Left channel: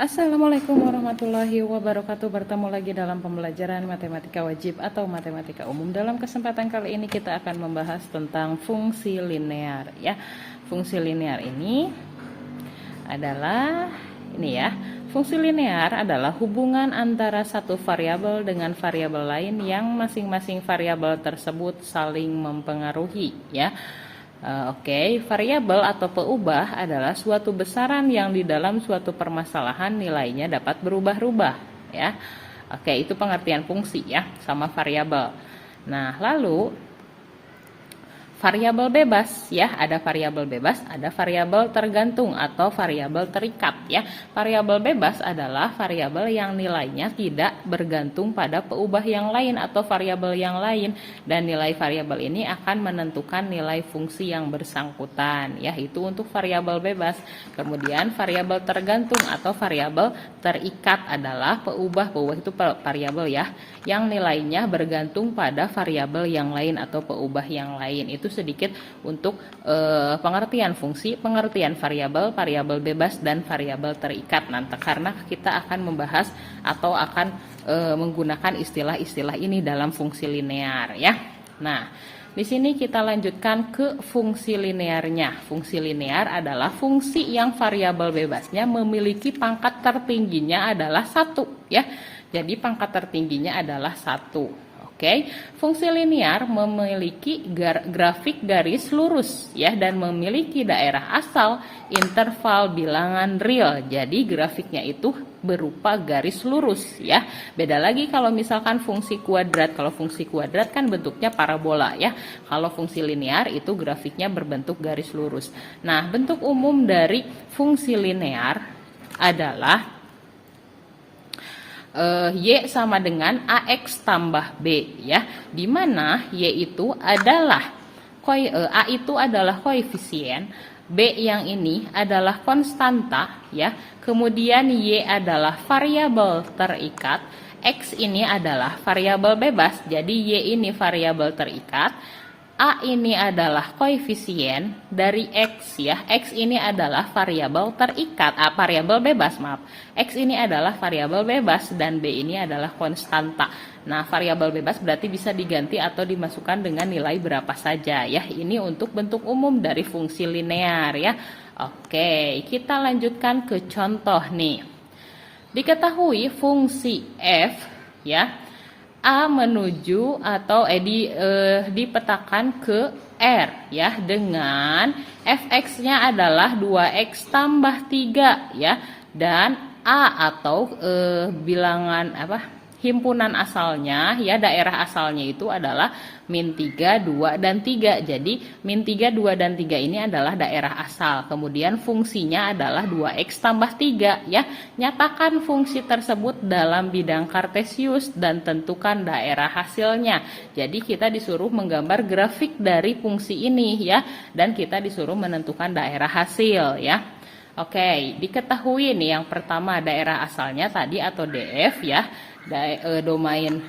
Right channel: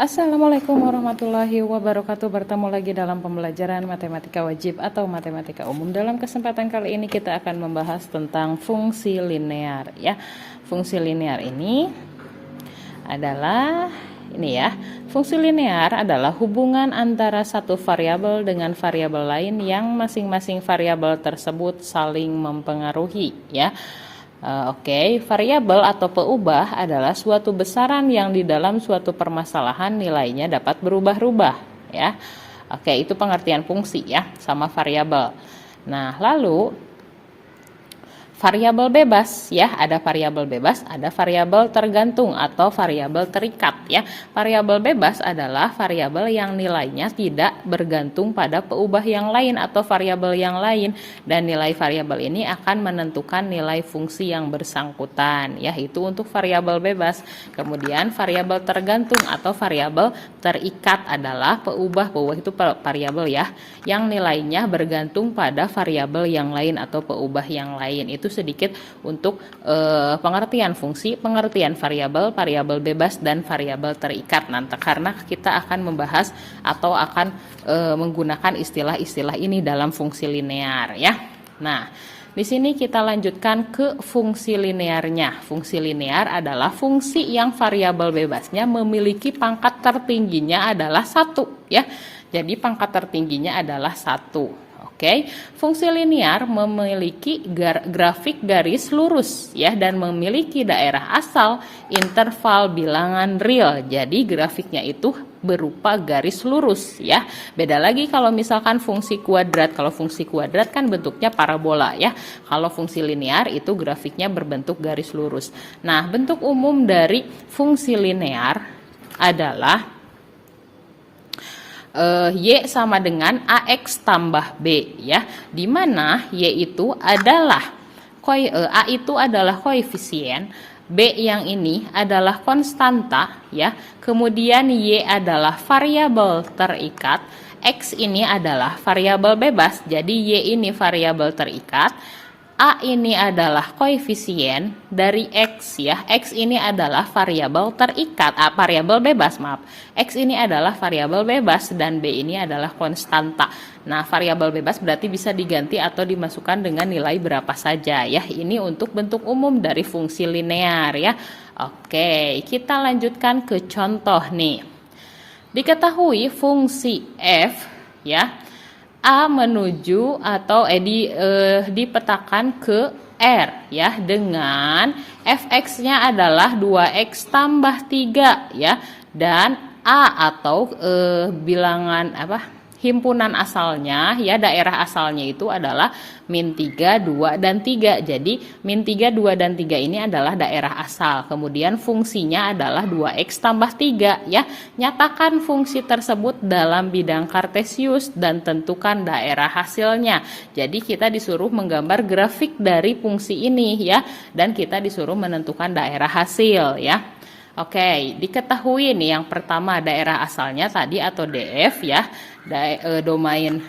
Assalamualaikum warahmatullahi wabarakatuh. Bertemu lagi dalam pembelajaran matematika wajib atau matematika umum. Dalam kesempatan kali ini kita akan membahas tentang fungsi linear ya. Fungsi linear ini adalah fungsi linear adalah hubungan antara satu variabel dengan variabel lain yang masing-masing variabel tersebut saling mempengaruhi ya. Variabel atau peubah adalah suatu besaran yang di dalam suatu permasalahan nilainya dapat berubah-ubah ya. Itu pengertian fungsi ya sama variabel. Nah, lalu variabel bebas ya, ada variabel bebas, ada variabel tergantung atau variabel terikat ya. Variabel bebas adalah variabel yang nilainya tidak bergantung pada peubah yang lain atau variabel yang lain, dan nilai variabel ini akan menentukan nilai fungsi yang bersangkutan ya. Itu untuk variabel bebas. Kemudian variabel tergantung atau variabel terikat adalah peubah itu variabel ya yang nilainya bergantung pada variabel yang lain atau peubah yang lain. Itu sedikit untuk pengertian fungsi, pengertian variabel, variabel bebas, dan variabel terikat. Nanti karena kita akan membahas atau akan menggunakan istilah-istilah ini dalam fungsi linear ya. Nah, di sini kita lanjutkan ke fungsi linearnya. Fungsi linear adalah fungsi yang variabel bebasnya memiliki pangkat tertingginya adalah 1 ya. Jadi pangkat tertingginya adalah 1. Fungsi linear memiliki grafik garis lurus ya, dan memiliki daerah asal interval bilangan real. Jadi grafiknya itu berupa garis lurus ya. Beda lagi kalau misalkan fungsi kuadrat. Kalau fungsi kuadrat kan bentuknya parabola ya. Kalau fungsi linear itu grafiknya berbentuk garis lurus. Nah, bentuk umum dari fungsi linear adalah Y sama dengan AX tambah B ya, dimana Y itu adalah A itu adalah koefisien, B yang ini adalah konstanta ya, kemudian Y adalah variabel terikat, X ini adalah variabel bebas, jadi Y ini variabel terikat, A ini adalah koefisien dari X ya. X ini adalah variabel terikat, variabel bebas maaf. X ini adalah variabel bebas dan B ini adalah konstanta. Nah, variabel bebas berarti bisa diganti atau dimasukkan dengan nilai berapa saja ya. Ini untuk bentuk umum dari fungsi linear ya. Kita lanjutkan ke contoh nih. Diketahui fungsi f ya, A menuju atau dipetakan ke R ya, dengan fx-nya adalah 2x tambah 3 ya, dan A atau bilangan himpunan asalnya ya, daerah asalnya itu adalah min 3, 2, dan 3. Jadi min 3, 2, dan 3 ini adalah daerah asal. Kemudian fungsinya adalah 2x tambah 3 ya. Nyatakan fungsi tersebut dalam bidang kartesius dan tentukan daerah hasilnya. Jadi kita disuruh menggambar grafik dari fungsi ini ya, dan kita disuruh menentukan daerah hasil ya. Diketahui nih yang pertama daerah asalnya tadi atau DF ya. Domain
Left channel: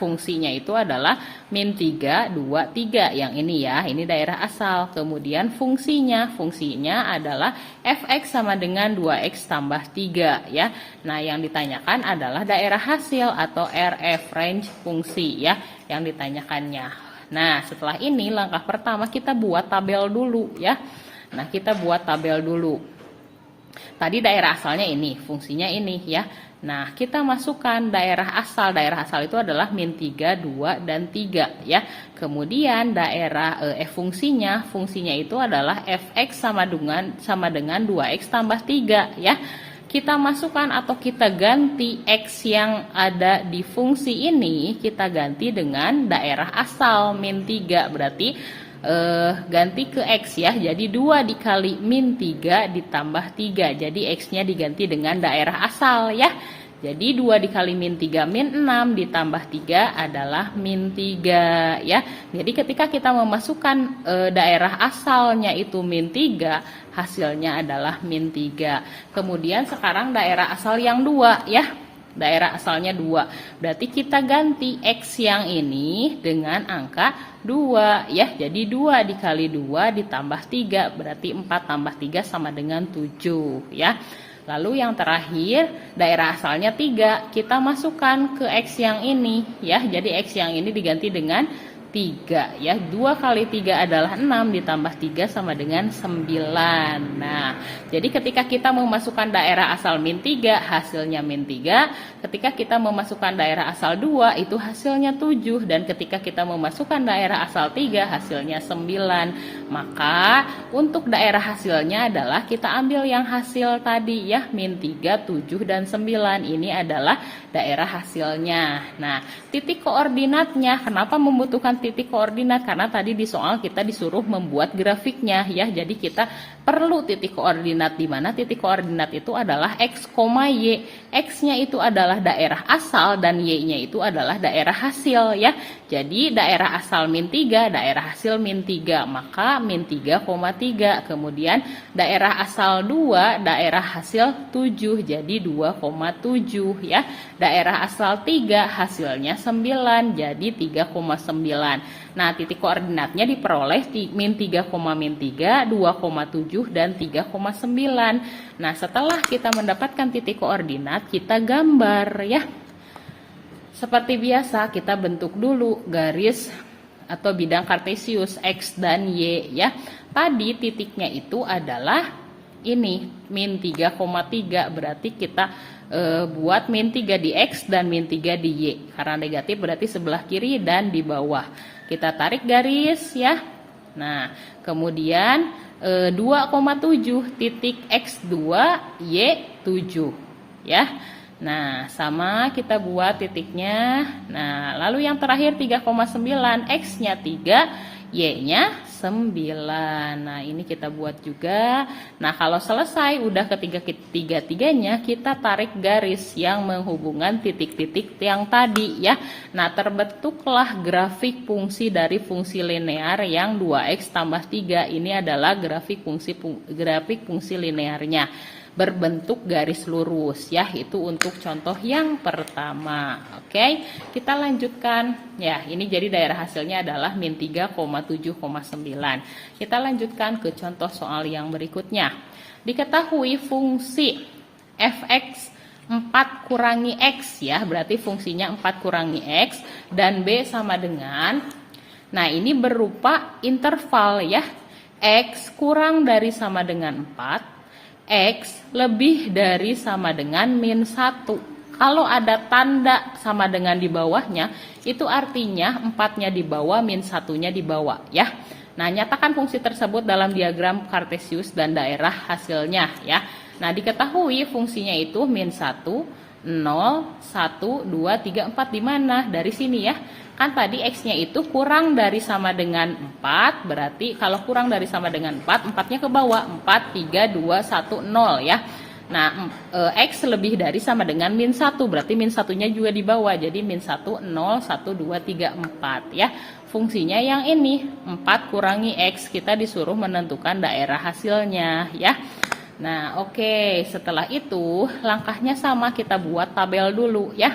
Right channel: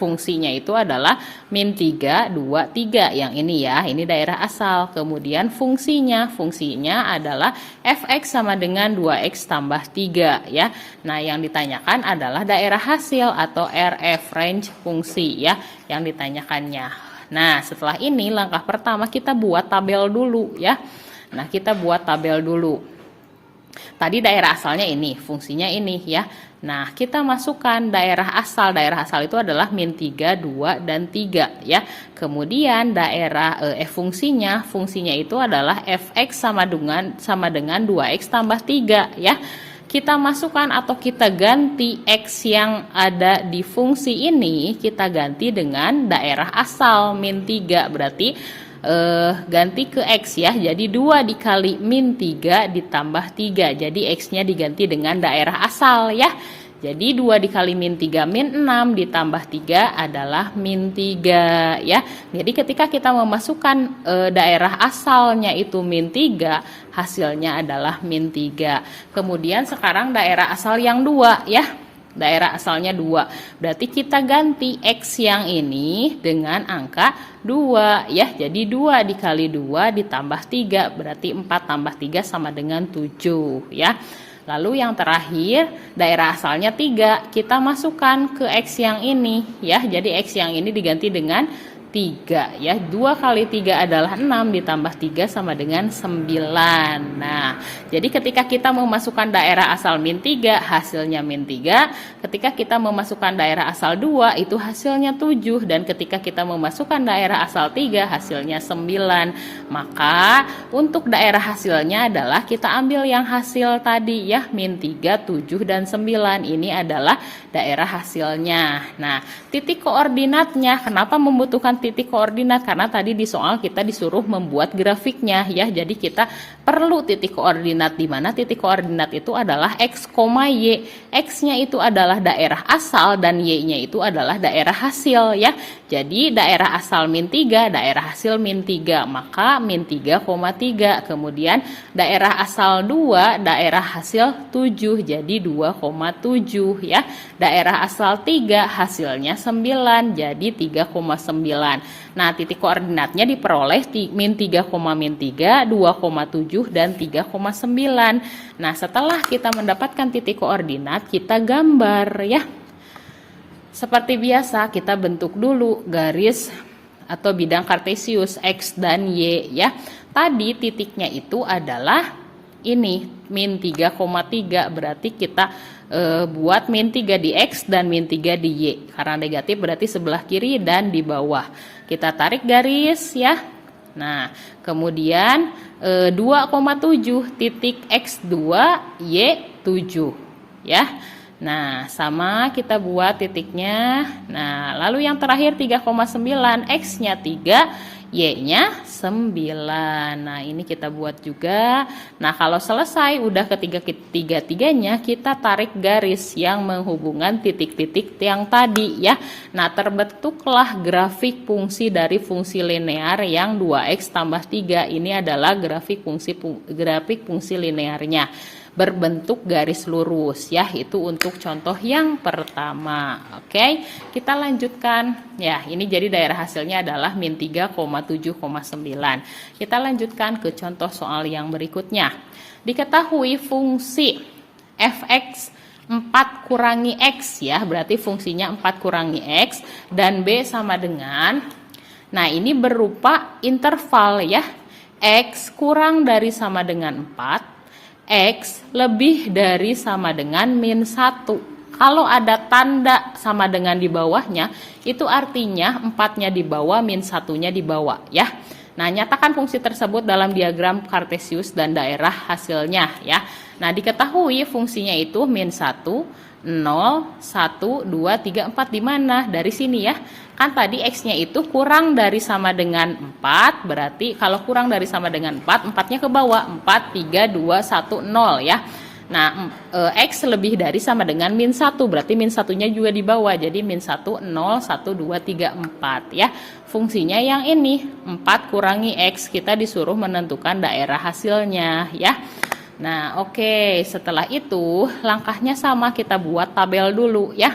fungsinya itu adalah min 3, 2, 3 yang ini ya, ini daerah asal. Kemudian fungsinya adalah fx sama dengan 2x tambah 3 ya. Nah, yang ditanyakan adalah daerah hasil atau RF, range fungsi ya, yang ditanyakannya. Nah, setelah ini langkah pertama kita buat tabel dulu ya. Nah, kita buat tabel dulu. Tadi daerah asalnya ini, fungsinya ini ya. Nah, kita masukkan daerah asal. Daerah asal itu adalah min 3, 2, dan 3 ya. Kemudian daerah fungsinya itu adalah fx sama dengan 2x tambah 3 ya. Kita masukkan atau kita ganti x yang ada di fungsi ini, kita ganti dengan daerah asal min 3, berarti ganti ke X ya, jadi 2 dikali min 3 ditambah 3, jadi X-nya diganti dengan daerah asal ya. Jadi 2 dikali min 3 min 6 ditambah 3 adalah min 3 ya. Jadi ketika kita memasukkan daerah asalnya itu min 3, hasilnya adalah min 3. Kemudian sekarang daerah asal yang 2 ya. Daerah asalnya 2. Berarti kita ganti X yang ini dengan angka 2 ya. Jadi 2 dikali 2 ditambah 3 berarti 4 tambah 3 sama dengan 7 ya. Lalu yang terakhir, daerah asalnya 3. Kita masukkan ke X yang ini ya. Jadi X yang ini diganti dengan 3 ya. 2 kali 3 adalah 6 ditambah 3 sama dengan 9. Nah, jadi ketika kita memasukkan daerah asal min 3, hasilnya min 3. Ketika kita memasukkan daerah asal 2, itu hasilnya 7. Dan ketika kita memasukkan daerah asal 3, hasilnya 9. Maka untuk daerah hasilnya adalah kita ambil yang hasil tadi ya, min 3, 7, dan 9. Ini adalah daerah hasilnya. Nah, titik koordinatnya, kenapa membutuhkan titik koordinat? Karena tadi di soal kita disuruh membuat grafiknya ya. Jadi kita perlu titik koordinat, di mana titik koordinat itu adalah X, Y. X-nya itu adalah daerah asal dan Y-nya itu adalah daerah hasil ya. Jadi daerah asal min 3, daerah hasil min 3, maka min 3,3. Kemudian daerah asal 2, daerah hasil 7, jadi 2,7 ya. Daerah asal 3, hasilnya 9, jadi 3,9. Nah, titik koordinatnya diperoleh min 3, 2,7 dan 3,9. Nah, setelah kita mendapatkan titik koordinat, kita gambar ya. Seperti biasa, kita bentuk dulu garis atau bidang kartesius X dan Y ya. Tadi titiknya itu adalah ini min 3,3, berarti kita buat min 3 di X dan min 3 di Y. Karena negatif berarti sebelah kiri dan di bawah. Kita tarik garis ya. Nah, kemudian 2,7 titik X2 Y 7 ya. Nah, sama kita buat titiknya. Nah, lalu yang terakhir 3,9, X-nya 3, Y-nya 9. Nah, ini kita buat juga. Nah, kalau selesai udah ketiga-tiganya, kita tarik garis yang menghubungkan titik-titik yang tadi ya. Nah, terbentuklah grafik fungsi dari fungsi linear yang 2X tambah 3. Ini adalah grafik fungsi linearnya berbentuk garis lurus ya. Itu untuk contoh yang pertama. Oke, kita lanjutkan ya. Ini jadi daerah hasilnya adalah min 3,7,9. Kita lanjutkan ke contoh soal yang berikutnya. Diketahui fungsi fx 4 kurangi x ya, berarti fungsinya 4 kurangi x dan b sama dengan, nah ini berupa interval ya, x kurang dari sama dengan 4, X lebih dari sama dengan min 1. Kalau ada tanda sama dengan di bawahnya, itu artinya 4-nya di bawah, min 1-nya di bawah ya. Nah, nyatakan fungsi tersebut dalam diagram kartesius dan daerah hasilnya ya. Nah, diketahui fungsinya itu min 1, 0, 1, 2, 3, 4 di mana? Dari sini ya. Kan tadi X-nya itu kurang dari sama dengan 4, berarti kalau kurang dari sama dengan 4, 4-nya ke bawah, 4, 3, 2, 1, 0 ya. Nah, X lebih dari sama dengan min 1, berarti min 1-nya juga di bawah, jadi min 1, 0, 1, 2, 3, 4 ya. Fungsinya yang ini, 4 kurangi X, kita disuruh menentukan daerah hasilnya ya. Nah, oke, setelah itu langkahnya sama, kita buat tabel dulu ya.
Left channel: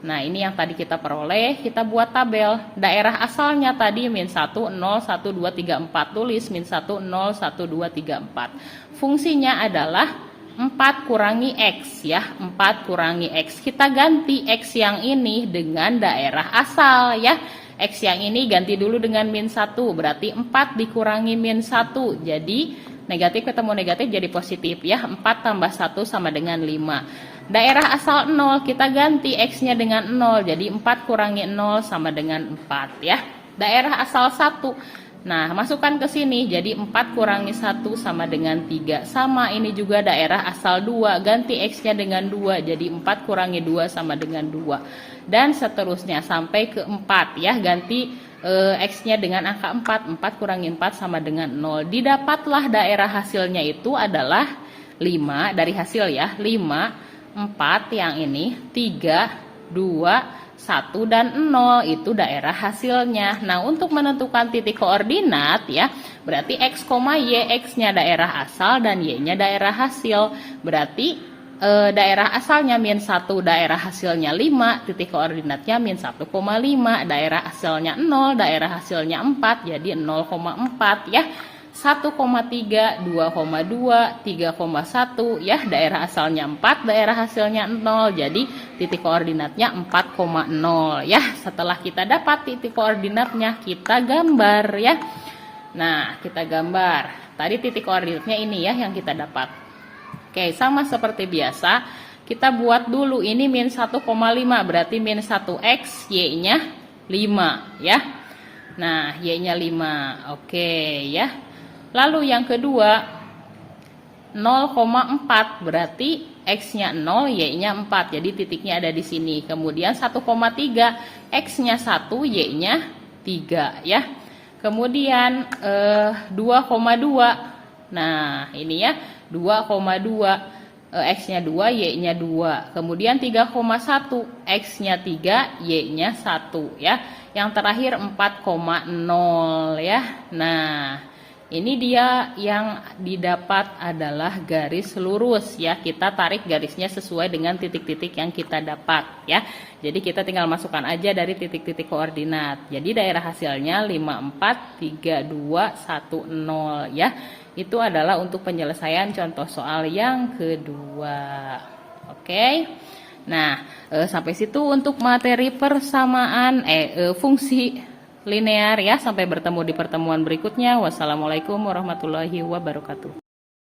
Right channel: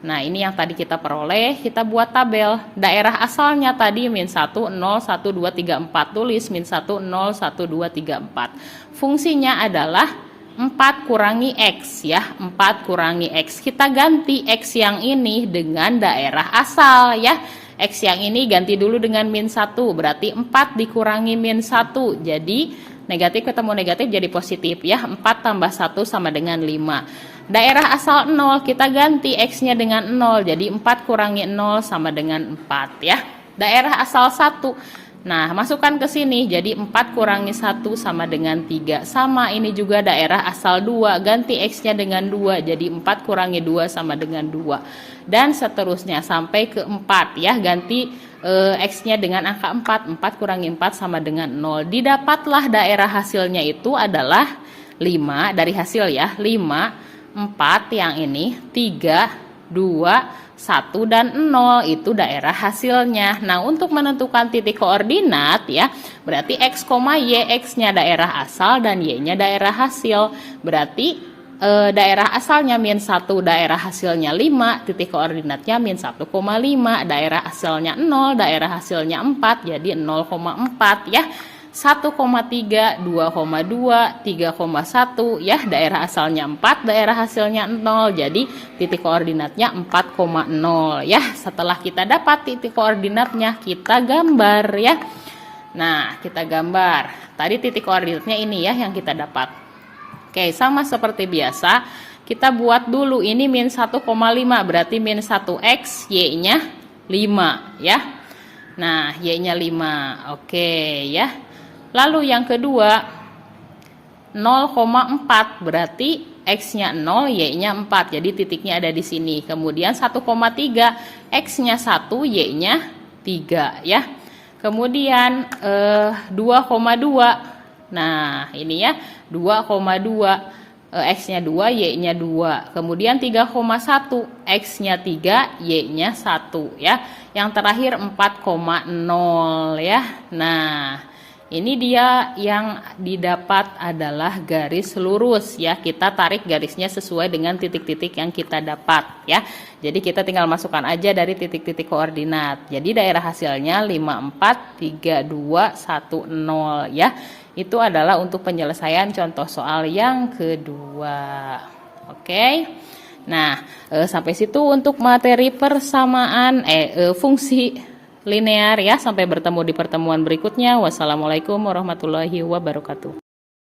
Nah, ini yang tadi kita peroleh, kita buat tabel. Daerah asalnya tadi min 1, 0, 1, 2, 3, 4. Tulis min 1, 0, 1, 2, 3, 4. Fungsinya adalah 4 kurangi X ya. 4 kurangi X. Kita ganti X yang ini dengan daerah asal ya. X yang ini ganti dulu dengan min 1. Berarti 4 dikurangi min 1. Jadi negatif ketemu negatif jadi positif ya. 4 tambah 1 sama dengan 5. Daerah asal 0 kita ganti X-nya dengan 0. Jadi 4 kurangi 0 sama dengan 4 ya. Daerah asal 1. Nah, masukkan ke sini. Jadi 4 kurangi 1 sama dengan 3. Sama ini juga daerah asal 2. Ganti X-nya dengan 2. Jadi 4 kurangi 2 sama dengan 2. Dan seterusnya sampai ke 4 ya. Ganti X-nya dengan angka 4. 4 kurangi 4 sama dengan 0. Didapatlah daerah hasilnya itu adalah 5 dari hasil ya. 5, 4 yang ini, 3, 2, 1 dan 0 itu daerah hasilnya. Nah, untuk menentukan titik koordinat ya, berarti X, Y, X-nya daerah asal dan Y-nya daerah hasil. Berarti daerah asalnya min 1, daerah hasilnya 5, titik koordinatnya min 1,5, daerah asalnya 0, daerah hasilnya 4, jadi 0,4 ya. 1,3, 2,2, 3,1 ya, daerah asalnya 4, daerah hasilnya 0. Jadi titik koordinatnya 4,0 ya. Setelah kita dapat titik koordinatnya, kita gambar ya. Nah, kita gambar. Tadi titik koordinatnya ini ya yang kita dapat. Oke, sama seperti biasa, kita buat dulu ini min 1,5, berarti min 1x, y-nya 5 ya. Nah, y-nya 5. Oke ya. Lalu yang kedua 0,4, berarti x-nya 0, y-nya 4. Jadi titiknya ada di sini. Kemudian 1,3, x-nya 1, y-nya 3 ya. Kemudian 2,2. Nah, ini ya 2,2. X-nya 2, Y-nya 2. Kemudian 3,1. X-nya 3, Y-nya 1 ya. Yang terakhir 4,0 ya. Nah, ini dia yang didapat adalah garis lurus ya. Kita tarik garisnya sesuai dengan titik-titik yang kita dapat ya. Jadi kita tinggal masukkan aja dari titik-titik koordinat. Jadi daerah hasilnya 54, 32, 10 ya. Itu adalah untuk penyelesaian contoh soal yang kedua. Oke. Nah, sampai situ untuk materi persamaan fungsi linear ya. Sampai bertemu di pertemuan berikutnya. Wassalamualaikum warahmatullahi wabarakatuh.